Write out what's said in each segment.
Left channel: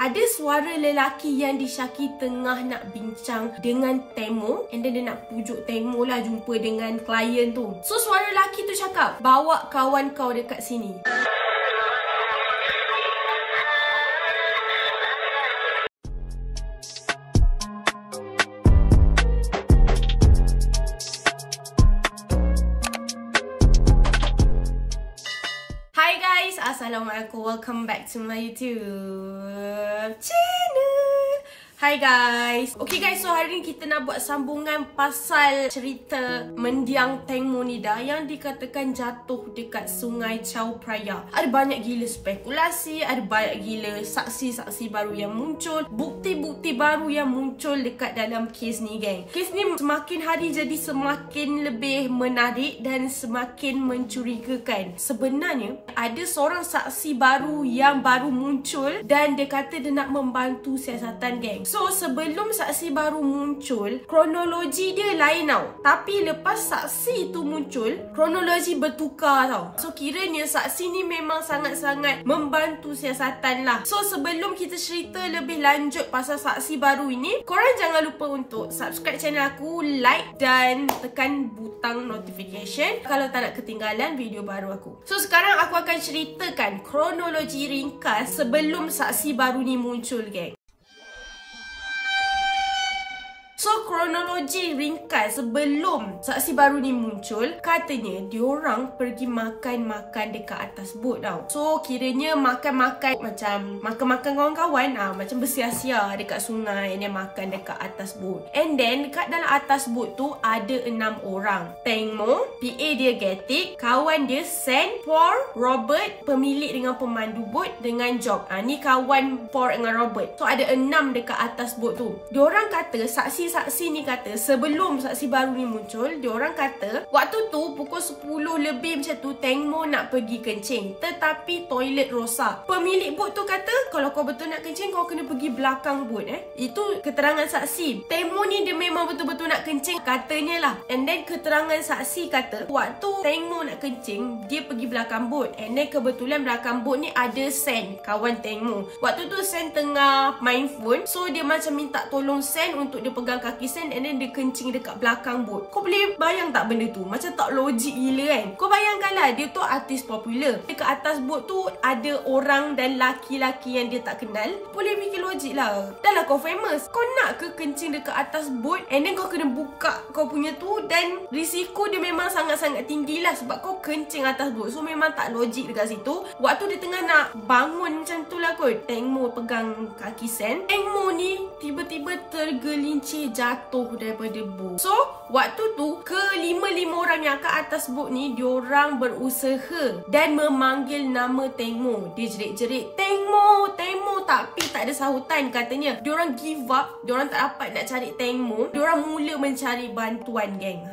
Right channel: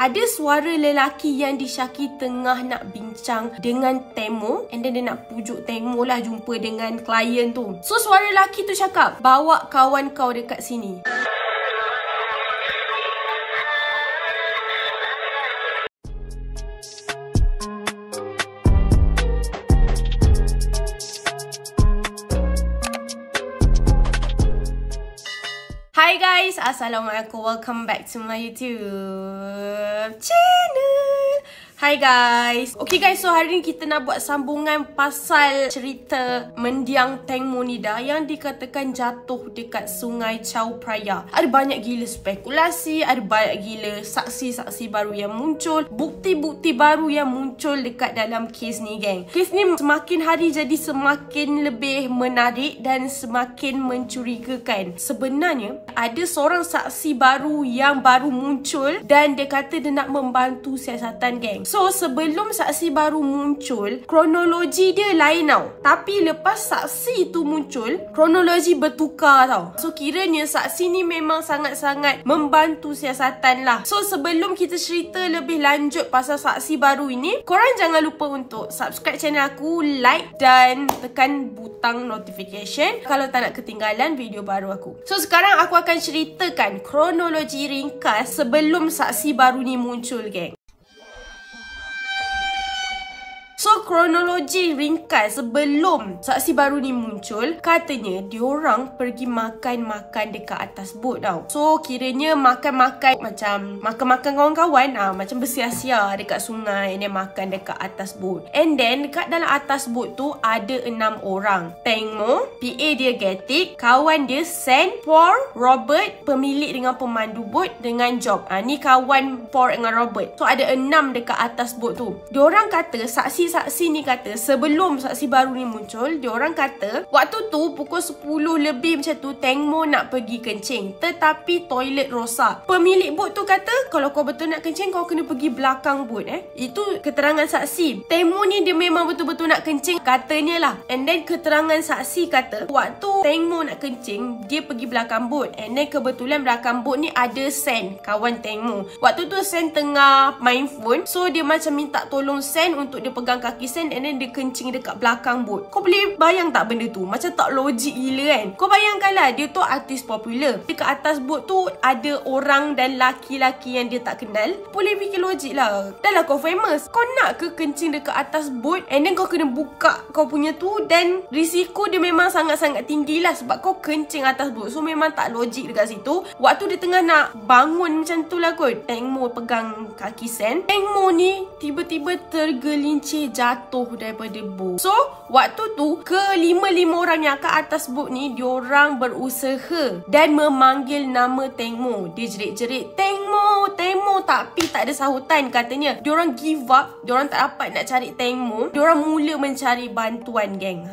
Ada suara lelaki yang disyaki tengah nak bincang dengan Temo, and then dia nak pujuk Temo lah jumpa dengan klien tu. So suara lelaki tu cakap, bawa kawan kau dekat sini. Hi guys, Assalamualaikum. Welcome back to my YouTube channel. Hi guys. Okay guys, so hari ni kita nak buat sambungan pasal cerita mendiang Tengmo Nida yang dikatakan jatuh dekat Sungai Chao Phraya. Ada banyak gila spekulasi, ada banyak gila saksi-saksi baru yang muncul, bukti-bukti baru yang muncul dekat dalam kes ni geng. Kes ni semakin hari jadi semakin lebih menarik dan semakin mencurigakan. Sebenarnya ada seorang saksi baru yang baru muncul dan dia kata dia nak membantu siasatan geng. So sebelum saksi baru muncul, kronologi dia lain tau. Tapi lepas saksi tu muncul, kronologi bertukar tau. So kiranya saksi ni memang sangat-sangat membantu siasatan lah. So sebelum kita cerita lebih lanjut pasal saksi baru ini, korang jangan lupa untuk subscribe channel aku, like dan tekan butang notification kalau tak nak ketinggalan video baru aku. So sekarang aku akan ceritakan kronologi ringkas sebelum saksi baru ni muncul geng. So kronologi ringkas sebelum saksi baru ni muncul, katanya diorang pergi makan-makan dekat atas bot tau. So kiranya makan-makan macam makan-makan kawan-kawan, macam bersia-sia dekat sungai, dia makan dekat atas bot. And then dekat dalam atas bot tu ada 6 orang. Tengmo, PA dia Getik, kawan dia Sen, Por, Robert, pemilik dengan pemandu bot dengan Job. Ni kawan Por dengan Robert. So ada 6 dekat atas bot tu. Diorang kata, saksi ni kata sebelum saksi baru ni muncul, diorang kata waktu tu pukul 10 lebih macam tu Tengmo nak pergi kencing tetapi toilet rosak. Pemilik bot tu kata kalau kau betul nak kencing kau kena pergi belakang bot. Itu keterangan saksi. Tengmo ni dia memang betul-betul nak kencing katanya lah. And then keterangan saksi kata waktu Tengmo nak kencing dia pergi belakang bot. And then kebetulan belakang bot ni ada Sen, kawan Tengmo. Waktu tu Sen tengah main phone, so dia macam minta tolong Sen untuk dia pegang kaki Sen, and then dia kencing dekat belakang bot. Kau boleh bayang tak benda tu? Macam tak logik gila kan? Kau bayangkanlah, dia tu artis popular. Dekat atas bot tu ada orang dan laki-laki yang dia tak kenal. Boleh fikir logik lah. Dah lah kau famous, kau nak ke kencing dekat atas bot, and then kau kena buka kau punya tu, dan risiko dia memang sangat-sangat tinggi lah sebab kau kencing atas bot. So memang tak logik dekat situ. Waktu dia tengah nak bangun macam tu lah kot, Tengmo pegang kaki Sen. Tengmo ni tiba-tiba tergelincir jatuh daripada bot. So waktu tu kelima-lima orang yang kat atas bot ni diorang berusaha dan memanggil nama Tengmo. Dia jerit-jerit Tengmo, Tengmo, tapi tak ada sahutan katanya. Diorang give up, diorang tak dapat nak cari Tengmo. Diorang mula mencari bantuan geng.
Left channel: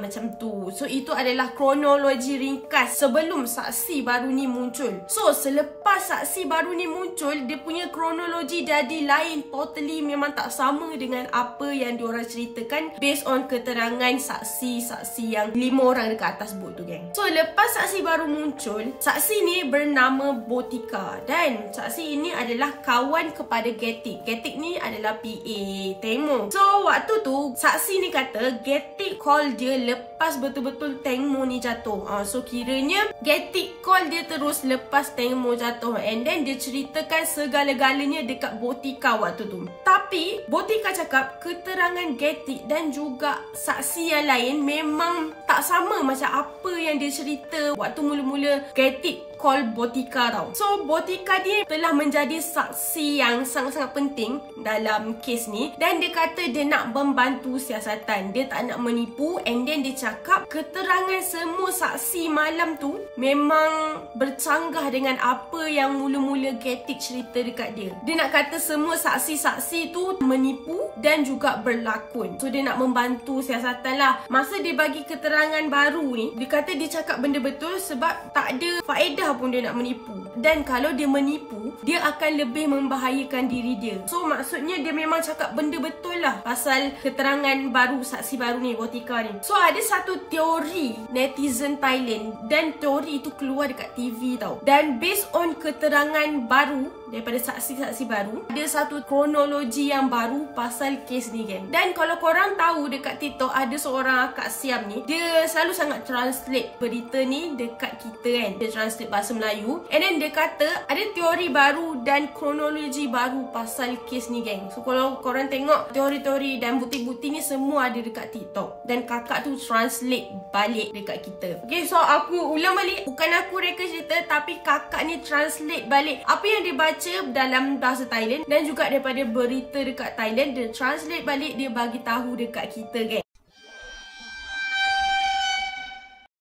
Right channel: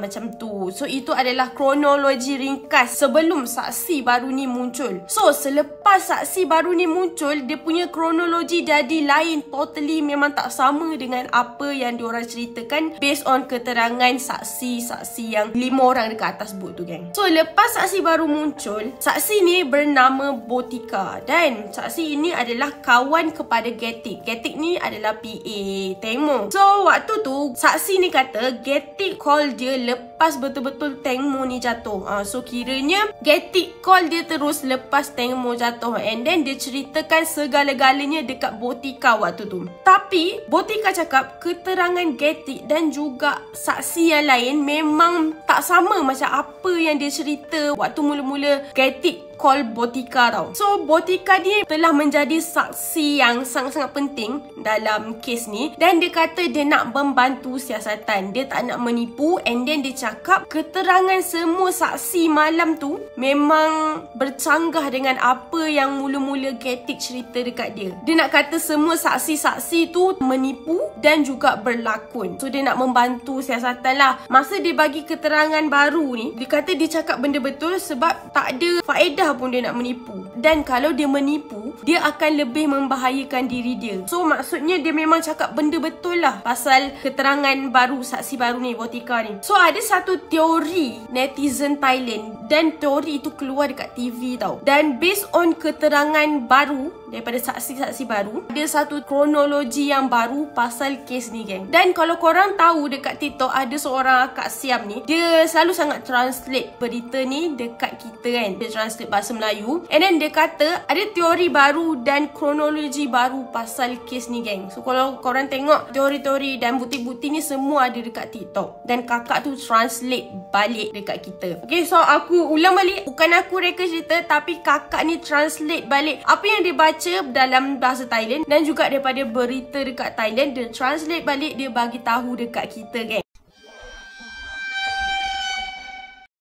Macam tu. So itu adalah kronologi ringkas sebelum saksi baru ni muncul. So selepas saksi baru ni muncul, dia punya kronologi jadi lain totally, memang tak sama dengan apa yang diorang ceritakan based on keterangan saksi-saksi yang 5 orang dekat atas bot tu geng. So lepas saksi baru muncul, saksi ni bernama Botika dan saksi ini adalah kawan kepada Getik. Getik ni adalah PA Tengmo. So waktu tu saksi ni kata Getik call dia lepas betul-betul Tengmo ni jatuh. So kiranya Getik call dia terus lepas Tengmo jatuh, and then dia ceritakan segala-galanya dekat Botika waktu tu. Tapi Botika cakap keterangan Getik dan juga saksi yang lain memang tak sama macam apa yang dia cerita waktu mula-mula Getik call Botika tau. So Botika dia telah menjadi saksi yang sangat-sangat penting dalam kes ni, dan dia kata dia nak membantu siasatan, dia tak nak menipu. And then dia cakap keterangan semua saksi malam tu memang bercanggah dengan apa yang mula-mula Getik cerita dekat dia. Dia nak kata semua saksi-saksi tu menipu dan juga berlakon. So dia nak membantu siasatan lah. Masa dia bagi keterangan baru ni, dia kata dia cakap benda betul sebab tak ada faedah pun dia nak menipu. Dan kalau dia menipu, dia akan lebih membahayakan diri dia. So maksudnya dia memang cakap benda betul lah pasal keterangan baru, saksi baru ni, Botika ni. So ada satu teori netizen Thailand dan teori itu keluar dekat TV tau. Dan based on keterangan baru daripada saksi-saksi baru, ada satu kronologi yang baru pasal kes ni geng. Dan kalau korang tahu dekat TikTok ada seorang Kak Siam ni, dia selalu sangat translate berita ni dekat kita kan. Dia translate bahasa Melayu. And then dia kata ada teori baru dan kronologi baru pasal kes ni geng. So kalau korang tengok teori-teori dan bukti-bukti ni semua ada dekat TikTok. Dan kakak tu translate balik dekat kita. Okay, so aku ulang balik. Bukan aku reka cerita, tapi kakak ni translate balik apa yang dia baca dalam bahasa Thailand dan juga daripada berita dekat Thailand. Dia translate balik, dia bagi tahu dekat kita geng.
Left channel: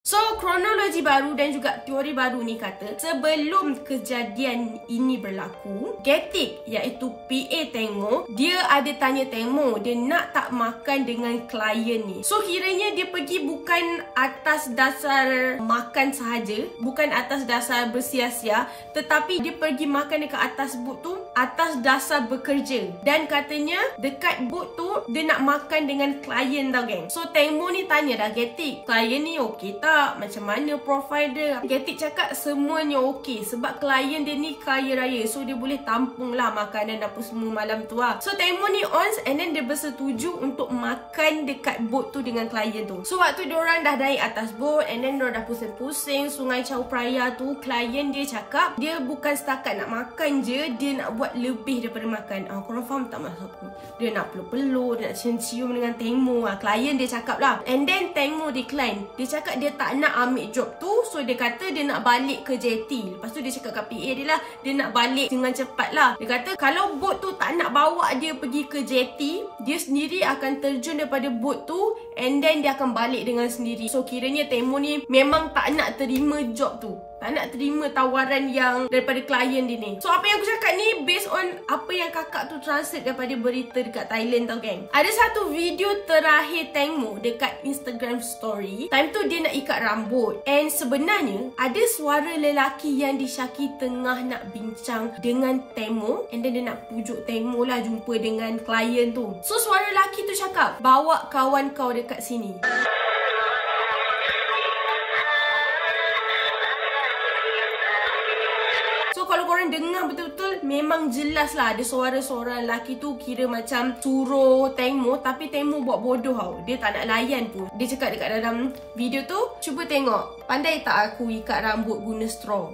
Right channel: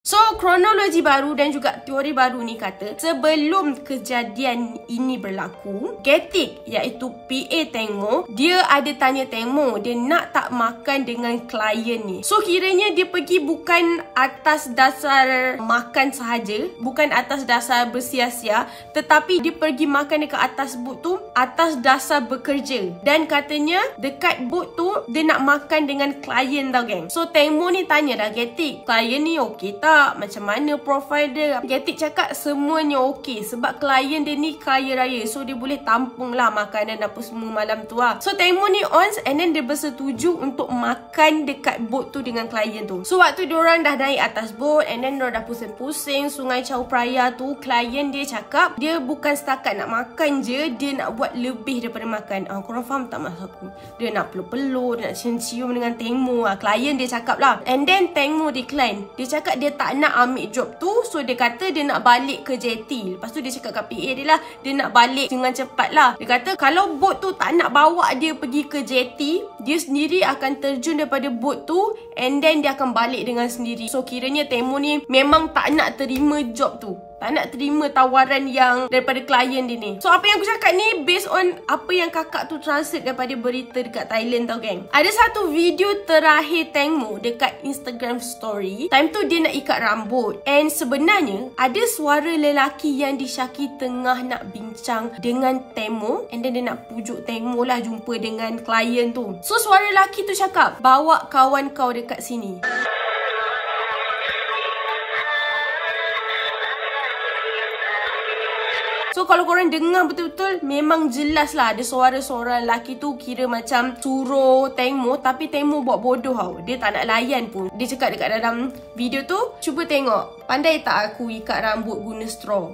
So, kronologi baru dan juga teori baru ni kata sebelum kejadian ini berlaku, Getik iaitu PA Tengmo, dia ada tanya Tengmo dia nak tak makan dengan klien ni. So, kiranya dia pergi bukan atas dasar makan sahaja, bukan atas dasar bersia-sia, tetapi dia pergi makan dekat atas bot tu atas dasar bekerja. Dan katanya dekat bot tu dia nak makan dengan klien tau geng. So, Tengmo ni tanya dah Getik, klien ni okey tak? Macam mana profil dia? Getik cakap semuanya okey sebab klien dia ni kaya raya, so dia boleh tampung lah makanan apa semua malam tu lah. So Tengmo ni ons and then dia bersetuju untuk makan dekat bot tu dengan klien tu. So waktu diorang dah naik atas bot and then diorang dah pusing-pusing Sungai Chao Phraya tu, klien dia cakap dia bukan setakat nak makan je, dia nak buat lebih daripada makan. Korang faham tak maksud aku? Dia nak peluk-peluk, dia nak cium-cium dengan Tengmo lah. Klien dia cakap lah. And then Tengmo decline. Dia cakap dia tak nak ambil job tu. So dia kata dia nak balik ke JT. Lepas tu dia cakap kat PA dia lah, dia nak balik dengan cepat lah. Dia kata kalau bot tu tak nak bawa dia pergi ke JT, dia sendiri akan terjun daripada bot tu and then dia akan balik dengan sendiri. So kiranya Tengmo ni memang tak nak terima job tu, tak nak terima tawaran yang daripada klien dia ni. So apa yang aku cakap ni based on apa yang kakak tu translate daripada berita dekat Thailand tau geng. Ada satu video terakhir Tengmo dekat Instagram story. Time tu dia nak ikat rambut and sebenarnya ada suara lelaki yang disyaki tengah nak bincang dengan Tengmo and then dia nak pujuk Tengmo lah jumpa dengan klien tu. So suara lelaki tu cakap, bawa kawan kau dekat sini. So kalau korang dengar betul-betul memang jelas lah ada suara-suara lelaki tu kira macam suruh Tengmo, tapi Tengmo buat bodoh tau. Dia tak nak layan pun. Dia cakap dekat dalam video tu, cuba tengok, pandai tak aku ikat rambut guna straw?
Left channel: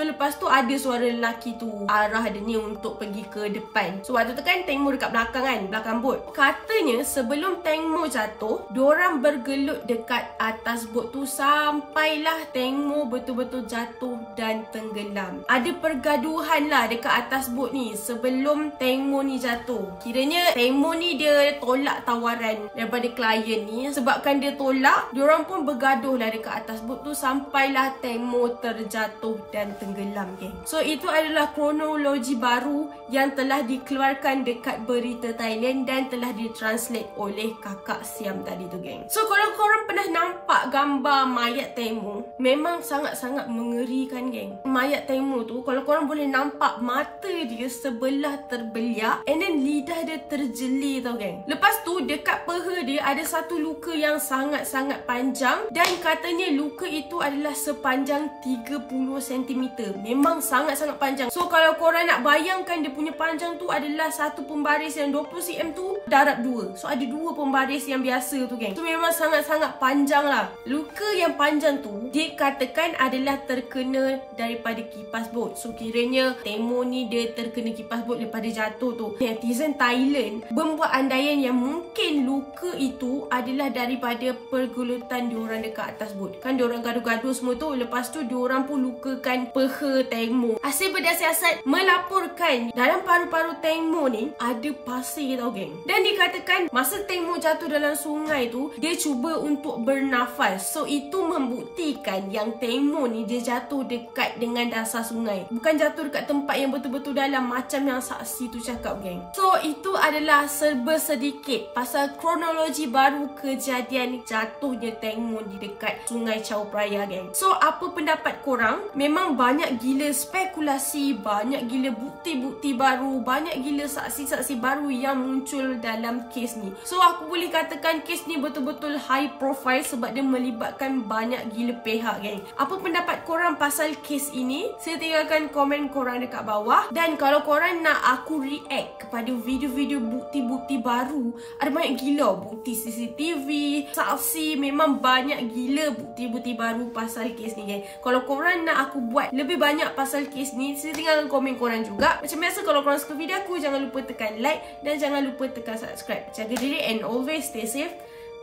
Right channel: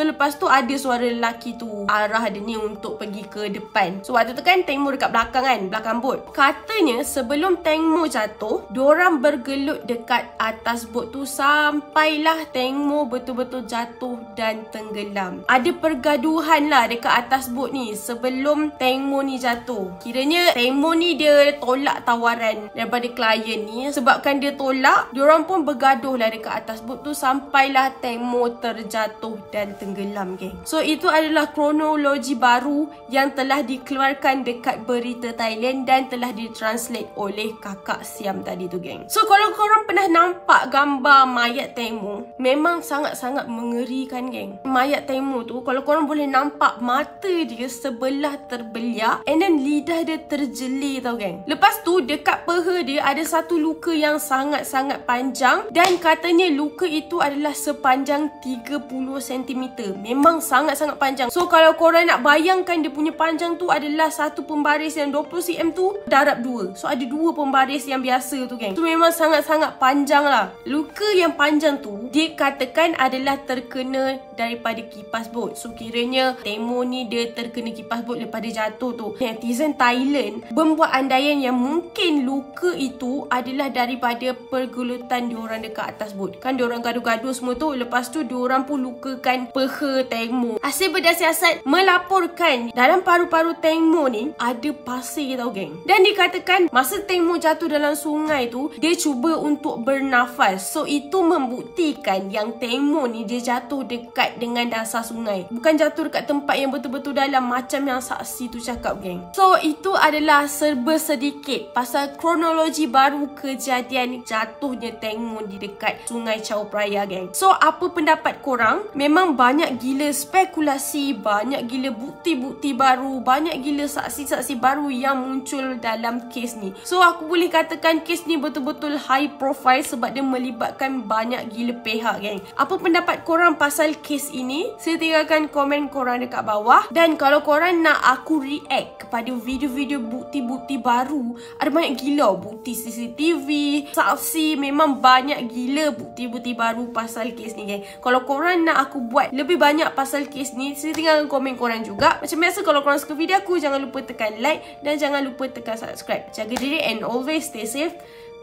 So lepas tu ada suara lelaki tu arah dia ni untuk pergi ke depan. So waktu tu kan Tengmo dekat belakang kan, belakang bot. Katanya sebelum Tengmo jatuh, diorang bergelut dekat atas bot tu sampailah Tengmo betul-betul jatuh dan tenggelam. Ada pergaduhan lah dekat atas bot ni sebelum Tengmo ni jatuh. Kiranya Tengmo ni dia tolak tawaran daripada klien ni. Sebabkan dia tolak, diorang pun bergaduh lah dekat atas bot tu sampailah Tengmo terjatuh dan tenggelam geng. So itu adalah kronologi baru yang telah dikeluarkan dekat berita Thailand dan telah ditranslate oleh kakak Siam tadi tu geng. So kalau korang pernah nampak gambar mayat Tengmo, memang sangat-sangat mengerikan geng. Mayat Tengmo tu kalau korang boleh nampak mata dia sebelah terbeliak and then lidah dia terjeli tau geng. Lepas tu dekat peha dia ada satu luka yang sangat-sangat panjang dan katanya luka itu adalah sepanjang 30 cm. Memang sangat-sangat panjang. So kalau korang nak bayangkan dia punya panjang tu adalah satu pembaris yang 20 cm tu darab 2. So ada 2 pembaris yang biasa tu geng. So memang sangat-sangat panjang lah. Luka yang panjang tu dikatakan adalah terkena daripada kipas bot. So kiranya Tengmo ni dia terkena kipas bot daripada jatuh tu. Netizen Thailand membuat andaian yang mungkin luka itu adalah daripada pergelutan diorang dekat atas bot. Kan diorang gaduh-gaduh semua tu, lepas tu diorang pun lukakan peha ke Teng Mo. Hasil bedah siasat melaporkan dalam paru-paru Teng Mo ni ada pasir tau geng. Dan dikatakan masa Teng Mo jatuh dalam sungai tu, dia cuba untuk bernafas. So itu membuktikan yang Teng Mo ni dia jatuh dekat dengan dasar sungai, bukan jatuh dekat tempat yang betul-betul dalam macam yang saksi tu cakap geng. So itu adalah serba sedikit pasal kronologi baru kejadian jatuhnya Teng Mo di dekat Sungai Chao Phraya geng. So apa pendapat korang? Memang banyak gila spekulasi, banyak gila bukti-bukti baru, banyak gila saksi-saksi baru yang muncul dalam kes ni. So aku boleh katakan kes ni betul-betul high profile sebab dia melibatkan banyak gila pihak geng. Apa pendapat korang pasal kes ini? Saya tinggalkan komen korang dekat bawah. Dan kalau korang nak aku react kepada video-video bukti-bukti baru, ada banyak gila bukti CCTV, saksi, memang banyak gila bukti-bukti baru pasal kes ni geng. Kalau korang nak aku buat lebih banyak pasal kes ni, saya tinggalkan komen korang juga. Macam biasa, kalau korang suka video aku, jangan lupa tekan like dan jangan lupa tekan subscribe. Jaga diri and always stay safe.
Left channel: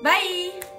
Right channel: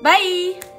Bye!